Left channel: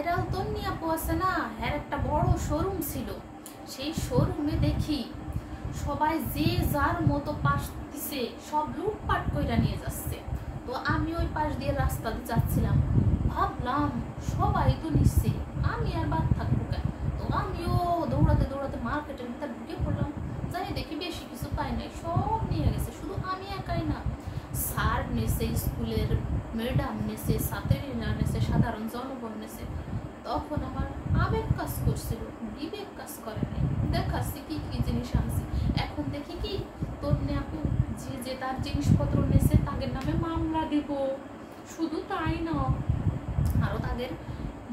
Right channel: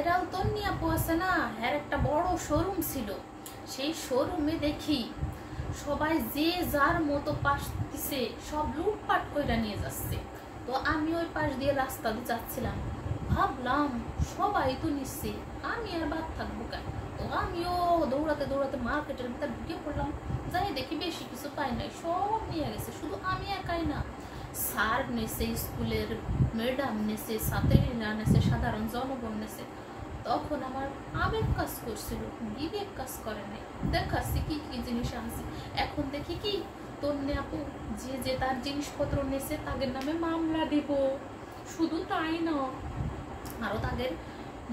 Viral তন্নি আপু আছে না, হ্যাঁ একটা বড় শোরুম ছিল। সেই শোরুমে দেখি সবাই যে যার মতো পাশ দিছে সব লুটপাট কইরা নিয়ে যাচ্ছে। তো আমি ওই পাশ দিয়ে রাস্তা দিয়ে যাচ্ছিলাম, ভাবলাম সবাই তো নিচ্ছে, আমি আর বাদ থাকবো কেন। তো আমিও দৌড়াতে দৌড়াতে মার্কেটের ভিতরে ঢুকে পড়লাম। যাই দেখি বেশি কিছু পাই নাই, সব নিয়ে গেছে। শুধু আমি একাই না, স্যার নেছে, স্কুলের ম্যাডাম নেছে, ছাত্রীরা নেছে, সাধারণ জনগণ নেছে। তখন আমার আবেগ কাজ করছিল, বিবেক কাজ করে নাই। দেখাচ্ছি কি কি জিনিস আনছি। এখন দেখি কি তন্নি আপু যে যে তার জিনিসপত্র নেছে তাদের নামে মামলা দিব। শুধু তাই না, আরো তাদের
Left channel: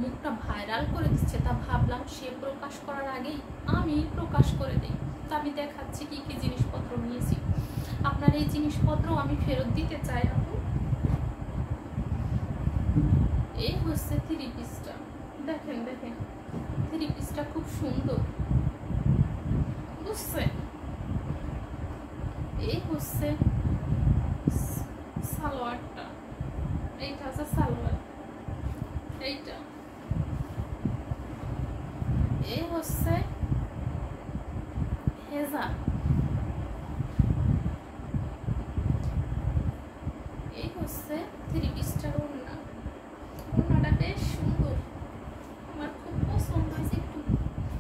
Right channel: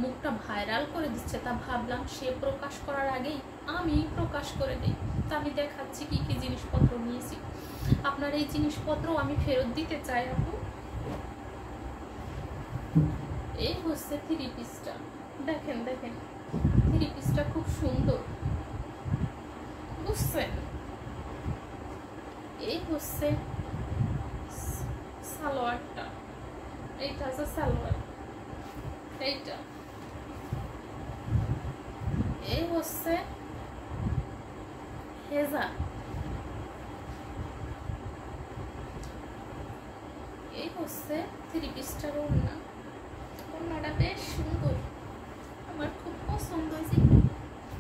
মুখটা ভাইরাল করে দিচ্ছে। তা ভাবলাম সে প্রকাশ করার আগেই আমি প্রকাশ করে দিই। তা আমি দেখাচ্ছি কি কি জিনিসপত্র নিয়েছি। আপনার এই জিনিসপত্র আমি ফেরত দিতে চাই আপু। এই হচ্ছে থ্রি পিসটা, দেখেন দেখেন থ্রি পিসটা খুব সুন্দর, বুঝছেন? এই হচ্ছে সালোয়ারটা, এইটা আছে সালোয়ার, এইটা। এই হচ্ছে হেজা, এই হচ্ছে থ্রি পিসটার ওড়না। ওড়নাটা বেশ সুন্দর, আমার খুব পছন্দ হয়েছে।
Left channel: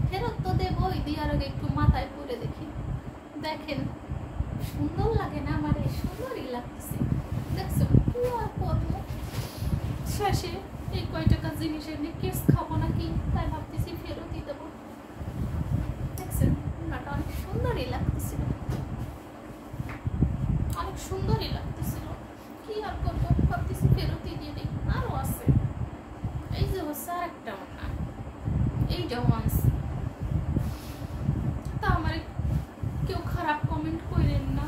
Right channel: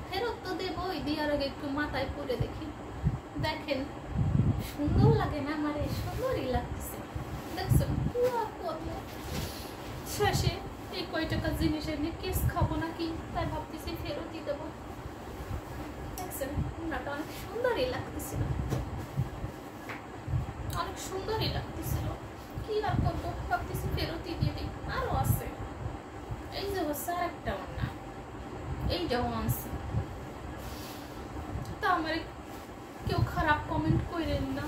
ফেরত তো দেবো, দেওয়ার আগে একটু মাথায় পরে দেখি। দেখেন সুন্দর লাগে না? আমার সুন্দরই লাগতেছে। দেখছো শেষে এই কয় টাকা জিনিসের নিয়ে কেস খাবো নাকি, তাই ভাবতেছি ফেরতই দেবো। দেখছেন ওড়নাটা অনেক সুন্দরই লাগতেছিল, অনেক সুন্দরই লাগতেছিল। কি আর করবো, ভাবতেছি ফেরতই দিয়ে দিই। আরো আছে, এই যে হচ্ছে আর একটা ওড়না, এইটাও আনছি। তা আমার কেউ খারাপ কমেন্ট করেন না।